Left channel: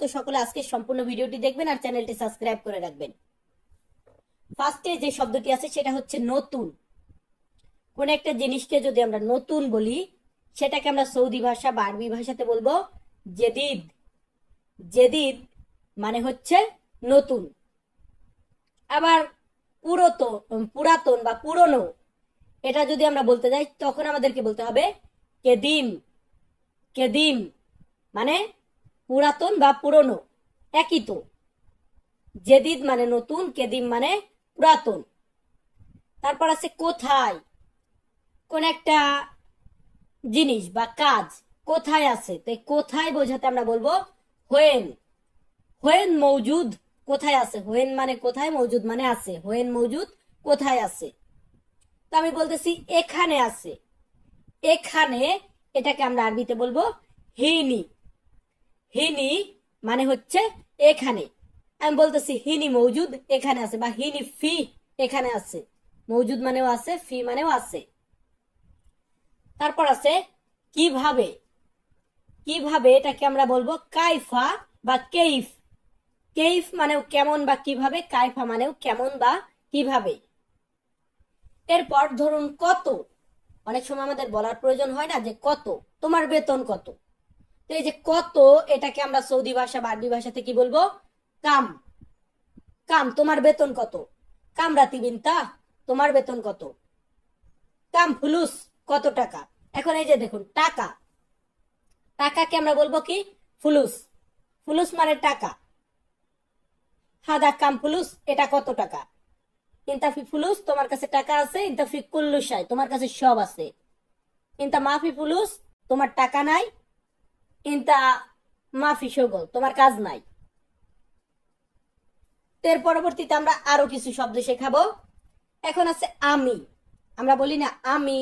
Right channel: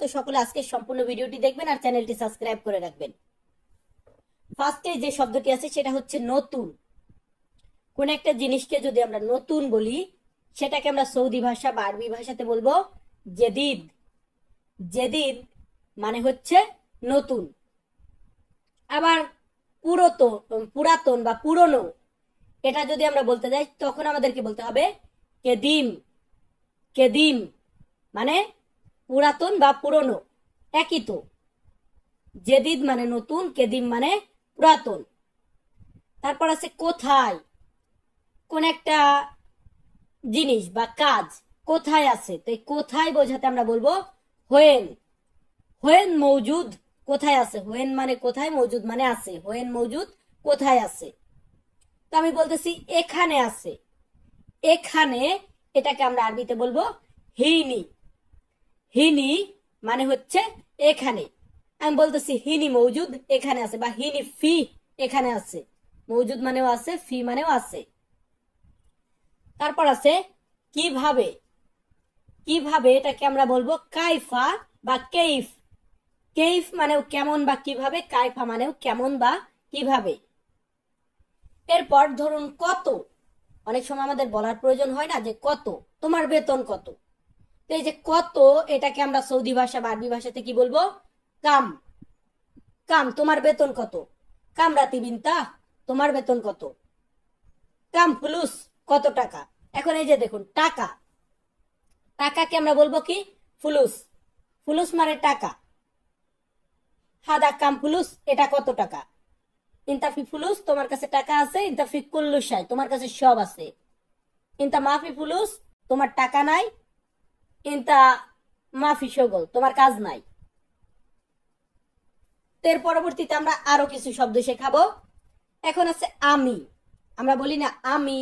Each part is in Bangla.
তো সকলে আজকে সম্পূর্ণ ভিডিওটি দেখবেন আর চ্যানেলটি সাবস্ক্রাইব করে রাখবেন। ফার্স্টে যে শব্দটি আছে সেটা হচ্ছে নতুন। কোন একটা জিনিসকে যদি আমরা নতুন বলি সেটাকে আমরা সৌদি ভাষা বা আরবি ভাষাতে বলবো জেদিদ। জেদিদ মানে হচ্ছে নতুন। আবার পুরাতন বা পুরনো এটা যদি আমরা বলতে যাই তখন আমাদেরকে বলতে হবে কেদিম। কেদিম মানে পুরাতন বা পুরনো, একই তো। জেদিদ মানে নতুন, কেদিম মানে পুরাতন। তারপর আছে কোথায়। কোন একটা জিনিস বা কাজ কোথায় আছে, তো কোথায় বোঝাতে আমরা বলবো হোয়েন। হোয়েন মৌজুদ, কোথায় আছে। হোয়েন মানে কোথায়, মৌজুদ মানে আছে। হোয়েন মৌজুদ, কোথায় আছে। তো আমি বলতেছি এখানে আছে। এখানে এটাকে আমরা আরবিতে বলবো হিনি। হিনি মানে হচ্ছে এখানে। আমি বলতেছি হিনি মৌজুদ, এখানে আছে, বা হিনি ফি, এখানে আছে। মৌজুদ মানেও আছে, ফি মানেও আছে। তারপর আছে কিভাবে। কিভাবে এটাকে আমরা বলবো কাইফা বা কেইফ। কেইফ মানেও কেমন বা কিভাবে, কাইফা মানেও কেমন বা কিভাবে। এরপর ধরুন কত। অনেক সময় আমাদের বলার প্রয়োজন হয় না যে কত, তোমার বেতন কত। তো এই যে কত এটাকে আমরা সৌদি ভাষা বা আরবি ভাষাতে কি বলবো কাম। কাম, তোমার বেতন কত। কাম রাতিবিনতা, তোমার বেতন কত। কাম ফুলুস, কত টাকা। এখন এই যে দেখুন টাকা, টাকাকে আমরা বলবো কি ফুলুস। ফুলুস মানে টাকা। হাদা কাম ফুলুস, এটা কত টাকা। ইনতাফি ফুলুস, তোমার কাছে টাকা আছে। ইনতাফি কুল্লুসাই, তোমার কাছে সব আছে। ইনতা মাফি ফুলুস, তোমার টাকা নাই। ইনতা মাফি শগল, তোমার কাজ নাই। এর পরবর্তীতে আমরা আরো কিছু শব্দ শেখাবো। এখন আছে আমি। আমরা বলি না আমি,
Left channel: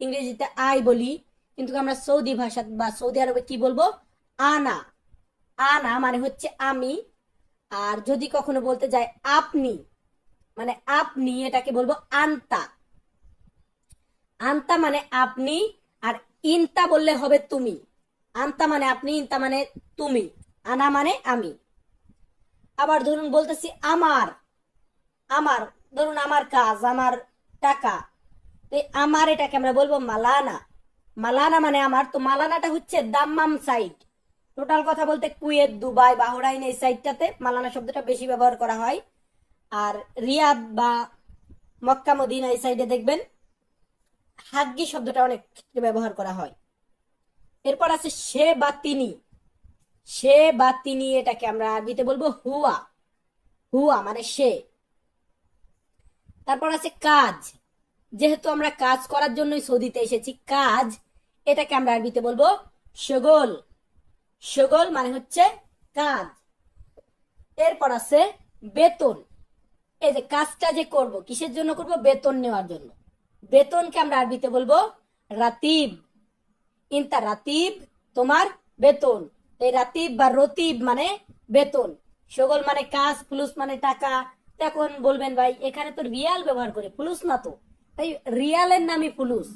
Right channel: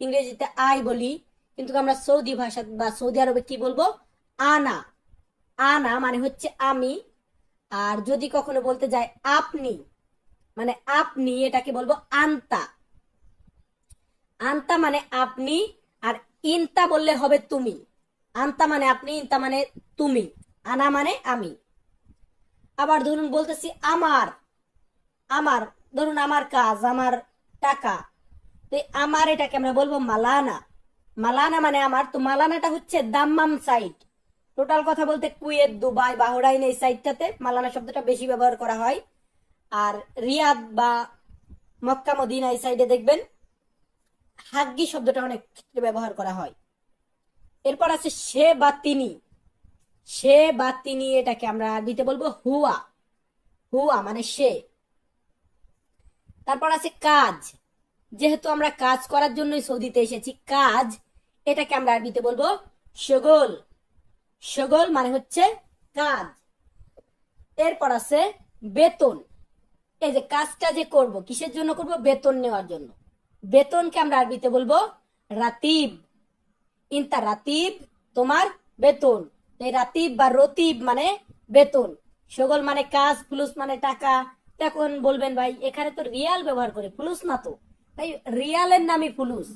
ইংরেজিতে আই বলি, কিন্তু আমরা সৌদি ভাষা বা সৌদি আরবে কি বলবো আনা। আনা মানে হচ্ছে আমি। আর যদি কখনো বলতে যায় আপনি, মানে আপনি, এটাকে বলবো আন্তা। আন্তা মানে আপনি, আর ইনতা বললে হবে তুমি। আন্তা মানে আপনি, ইনতা মানে তুমি, আনা মানে আমি। আবার ধরুন বলতেছি আমার। আমার ধরুন আমার কাজ, আমার টাকা, আমার এটাকে আমরা বলবো মালানা। মালানা মানে আমার। তো মালানাটা হচ্ছে দাম্মাম সাইড। টোটাল কথা বলতে কুয়েত, দুবাই, বাহরাইন এই সাইডটাতে মালানা শব্দটা বেশি ব্যবহার করা হয়। আর রিয়াদ বা মক্কা মদিনা এই সাইডে দেখবেন হাগ্গি শব্দটা অনেক ব্যবহার করা হয়। এরপর আছে সে বা তিনি। সে বা তিনি এটাকে আমরা আরবিতে বলবো হুয়া। হুয়া মানে সে। তারপর আছে কাজ। যেহেতু আমরা কাজ করার জন্যই সৌদিতে এসেছি, কাজ এটাকে আমরা আরবিতে বলবো শগল। শগল মানে হচ্ছে কাজ। এরপর আছে বেতন। এই যে কাজটা যে করব কিসের জন্য করব, বেতন নেওয়ার জন্য। বেতনকে আমরা আরবিতে বলবো রাতিব। ইনতা রাতিব, তোমার বেতন। এই রাতিব বা রতিব মানে বেতন। শগল মানে কাজ, ফুলুস মানে টাকা। তখন বলবেন ভাই এখানে তো রিয়াল ব্যবহার করে, ফুলুস না তো। তাই রিয়ালের নামই ফুলুস,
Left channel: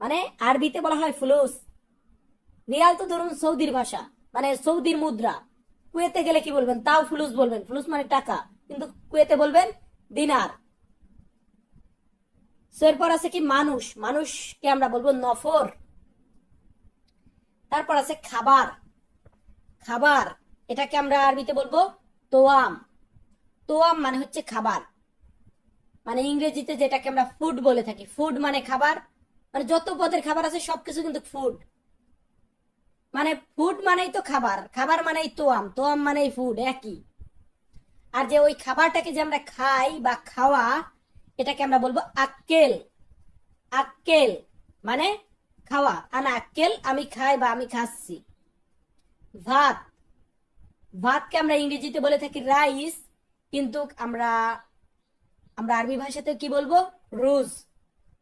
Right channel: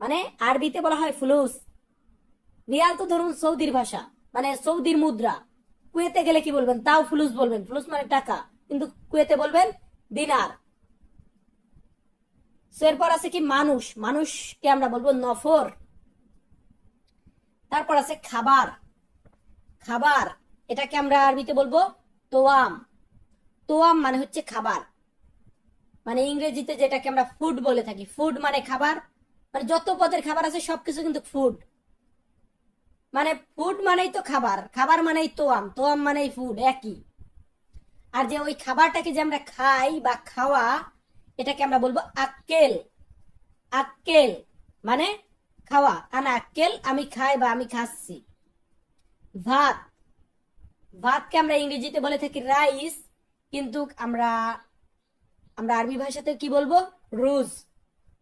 মানে আরবিতে বলা হয় ফুলুস। রিয়াল তো ধরুন সৌদির ভাষা, মানে সৌদির মুদ্রা। কুয়েতে গেলে কি বলবেন, তাও ফুলুস বলবেন। ফুলুস মানে টাকা, কিন্তু কুয়েতে বলবেন দিনার। এরপর আছে কি মানুষ। মানুষকে আমরা বলবো নফর। তারপর আছে খাবার। খাবার এটাকে আমরা আরবিতে বলবো তোয়াম। তোয়াম মানে হচ্ছে খাবার। মানে ইংরেজিতে যেটাকে আমরা ফুড বলে থাকি। ফুড মানে খাবার, মানে যত পদের খাবার আছে সবকিছু কিন্তু ফুড। মানে ফুড মানেই তো খাবার, খাবার মানেই তোয়াম, তোয়াম মানেই ফুড, একই। আর যে ওই খাবারটাকে যে আমরা খাই বা খাওয়া, এটাকে আমরা বলবো আক্কেল। আক্কেল মানে খাওয়া। আনা আক্কেল, আমি খাই বা আমি খাচ্ছি। ভাত। ভাতকে আমরা ইংরেজিতে বলে থাকি রাইস, কিন্তু আমরা আমরা আরবি ভাষাতে কি বলবো রোজ।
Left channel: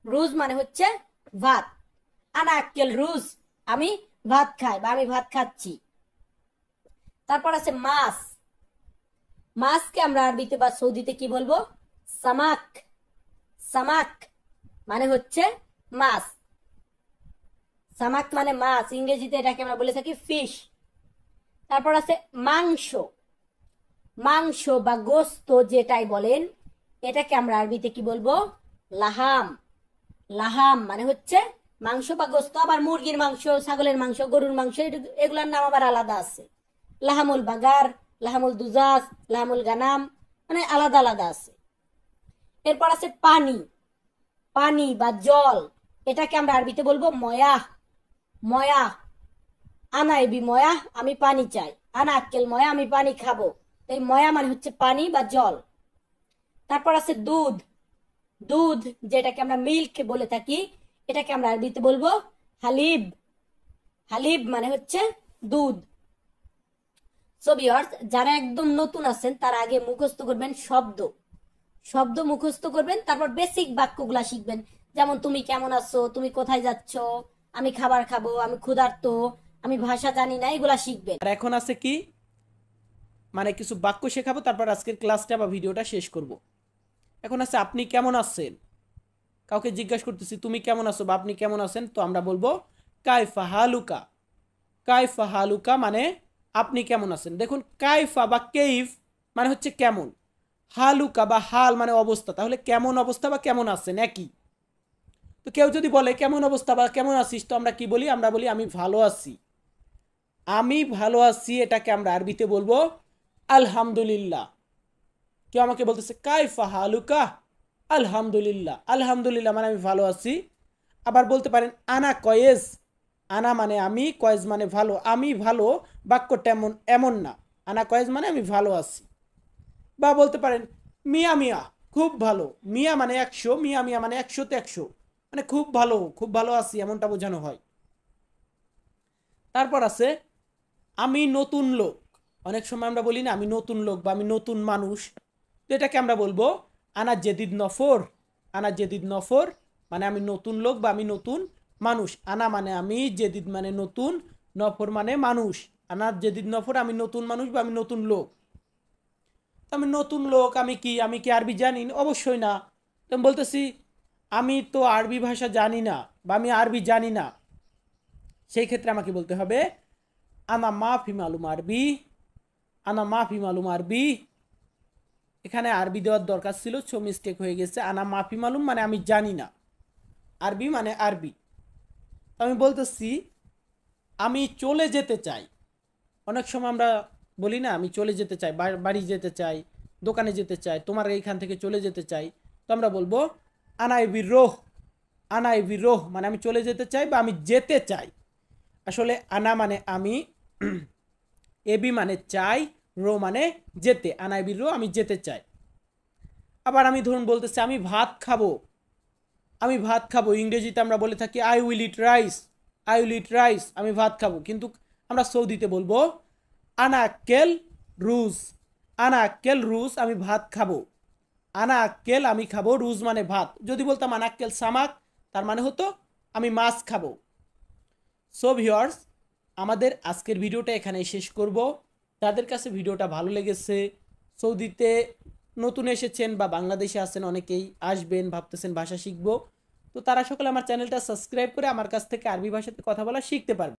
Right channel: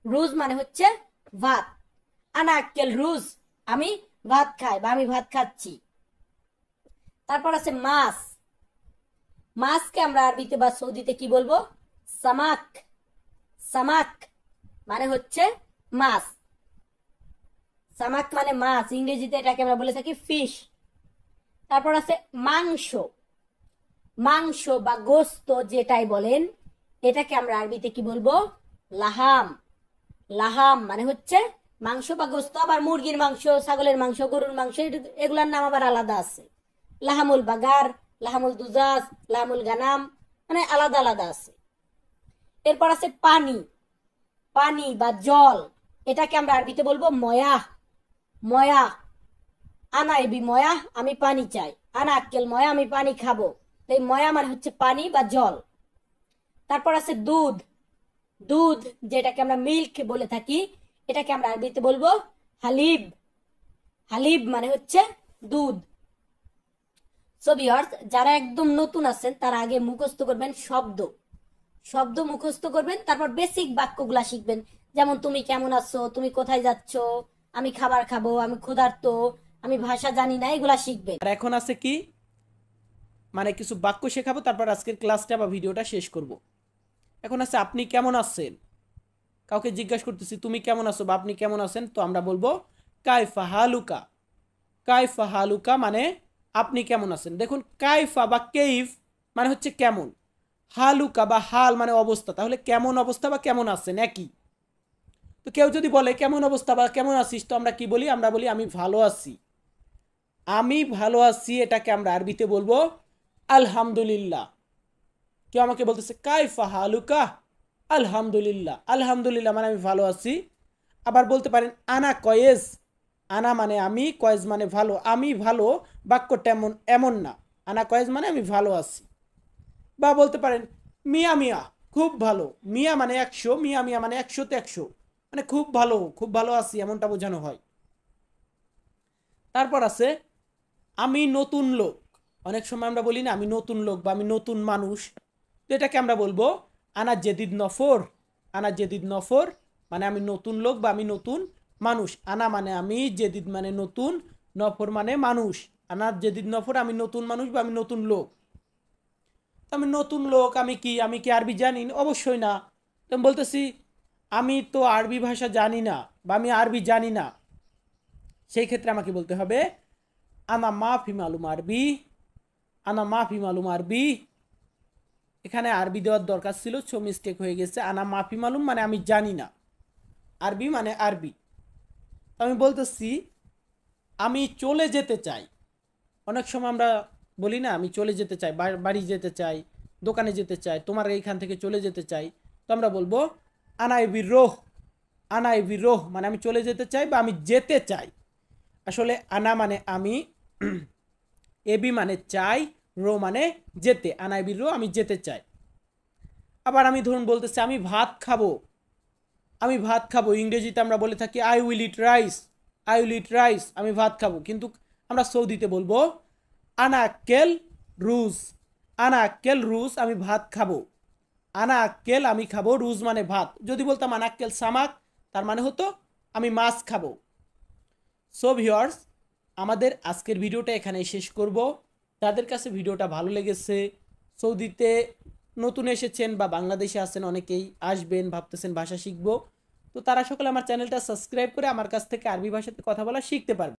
রোজ মানে হচ্ছে ভাত। আনা আক্কেল রোজ, আমি ভাত খাই বা আমি ভাত খাচ্ছি। তারপর আছে মাছ। মাছকে আমরা আরবিতে বা সৌদিতে কি বলবো সামাক। সামাক মানে হচ্ছে মাছ। সামাক মানে মাছ, ইংরেজিতে এটাকে আমরা বলে থাকি ফিশ। তারপর আছে মাংস। মাংস বা গোস্ত যেটাই বলেন, এটাকে আমরা আরবিতে কি বলবো? লাহাম। লাহাম মানে হচ্ছে মাংস বা গোস্ত। আবার মুরগির মাংস, ছাগলের মাংস, গরুর মাংস, এগুলার নাম আবার আলাদা আছে। লাহামুল বাগার, লাহামুল দুজাজ, লাহামুল গানাম, মানে আলাদা আলাদা আছে। এরপর আছে পানি। পানি বা জল, এটাকে আমরা আরবিতে বলবো ময়া। ময়া, আনা এবি ময়া, আমি পানি চাই। আনা আক্কেল ময়া, আমি পানি খাবো। এই ময়া মানে হচ্ছে পানি বা জল। তারপর আছে দুধ। দুধ যেটাকে আমরা মিল্ক বলে থাকি, এটাকে আমরা আরবিতে বলবো হালিব। হালিব মানে হচ্ছে দুধ। সো ভিউয়ার্স, যারা একদম নতুন আছেন তারা আগে মুখস্থ করবেন শব্দ। শব্দ মুখস্থ করবেন, তারপর বেসিক বাক্যগুলা শিখবেন। যেমন তুমি কেমন আছো, তুমি কোথায় যাচ্ছ, আমি খাবার খাবো, আমি ক্ষুধার্ত, আমি ভাষা জানি না, এগুলা শিখবেন। আর এখন আছে কি, মানে কিছু বাক্য শেখাবো, তারপর আজকের ক্লাসটা বা ভিডিওটা শেষ করব। এখন আছে আপনি কেমন আছেন। কাউকে জিজ্ঞাসা করতেছি তুমি কেমন আছো বা আপনি কেমন আছেন, তো আমরা বলবো কাইফা হালুকা। কাইফা হালুকা মানে আপনি কেমন আছেন। দেখুন কাইফা বা কেইফ মানে হচ্ছে কেমন, হালুকা বা হাল মানে অবস্থা। তাহলে কেমন অবস্থা বা কেমন আছেন একই। তো কেউ যদি বলে কেমন অবস্থা বা কেমন আছিস, তো আমরা কি বলি? আমরা বলি আমি ভালো আছি। আমি ভালো আছি, এটাকে আমরা আরবিতে বলবো আলহামদুলিল্লাহ। কেউ আমাকে বলতেছে কাইফা হালুকা, আলহামদুলিল্লাহ। আলহামদুলিল্লাহ মানে আমি ভালো আছি। আবার বলতে পারেন আনা কয়েজ। আনা মানে আমি, কয়েজ মানে ভালো। আমি ভালো বাক্যটা এমন এমন না। আনা কয়েজ মানে আমি ভালো আছি। বা বলতে পারেন মিয়া মিয়া, খুব ভালো। মিয়া মানে 100, মিয়া মিয়া মানে 100তে 100, মানে খুব ভালো, খুব ভালো আছি এমনটা বোঝানো হয়। তারপর আছে আমি নতুন লোক। অনেক সময় আমরা বলি না আমি নতুন লোক বা আমি নতুন মানুষ, তো এটাকে আমরা বলবো আনা জেদিদ নফর। আনা জেদিদ নফর মানে আমি নতুন লোক বা আমি নতুন মানুষ। আনা মানে আমি, জেদিদ মানে নতুন, নফর মানে মানুষ। আনা জেদিদ নফর, আমি নতুন মানুষ বা আমি নতুন লোক। আমি নতুন লোক, আমি কি আরবি জানি? অবশ্যই না। তো আমি বলতেছি আমি তো আরবি ভাষা জানি না বা আমি আরবি জানি না, সেই ক্ষেত্রে আমাকে বলতে হবে আনা মাফি মালুম আরবি। আনা মাফি মালুম আরবি। এখানে আরবি দেওয়ার দরকার ছিল, সো মিস্টেক হয়ে গেছে। আনা মাফি মালুম মানে আমি জানি না, আরবি মানে আরবি। আমি বলতেছি আমি চলে যেতে চাই। অনেক সময় আমরা বলি না আমি চলে যেতে চাই, বাড়ি যেতে চাই, দোকানে যেতে চাই, তোমার এইখান থেকে চলে যেতে চাই। তো আমরা বলবো আনাই বিরোহ। আনাই বিরোহ মানে আমি চলে যেতে চাই বা আমি যেতে চাই। আসলে আনা মানে আমি, এবি মানে চাই, রো মানে যেতে। আনাই বিরোহ আমি যেতে চাই। আবার আমি ধরুন বলতেছি আমি ভাত খাবো। আমি ভাত খাবো, ইংরেজিতে আমরা বলে থাকি I will eat rice. I will eat rice, আমি ভাত খাবো। কিন্তু আমরা সৌদিতে বলবো আনা আক্কেল রুজ। আনা আক্কেল রুজ, আমি ভাত খাবো। আনা আক্কেল আমি খাবো, রুজ মানে ভাত। যদি বলতাম আনা আক্কেল সামাক, তার মানে হতো আমি মাছ খাবো। সো ভিউয়ার্স, আমাদের আজকের ভিডিওটা এখানেই শেষ করব। তাদের কাছে ভিডিওটা ভালো লেগেছে, সৌদিতে নতুন এসেছেন বা বাংলাদেশে আছেন, অনেকেই আসবেন ভাবতেছেন ভাষা শিখবো, তো তারা সকলে আমার চ্যানেলটা সাবস্ক্রাইব করে আমার কাছ থেকে আরবি ভাষাতে কথা বলা শিখতে পারবে।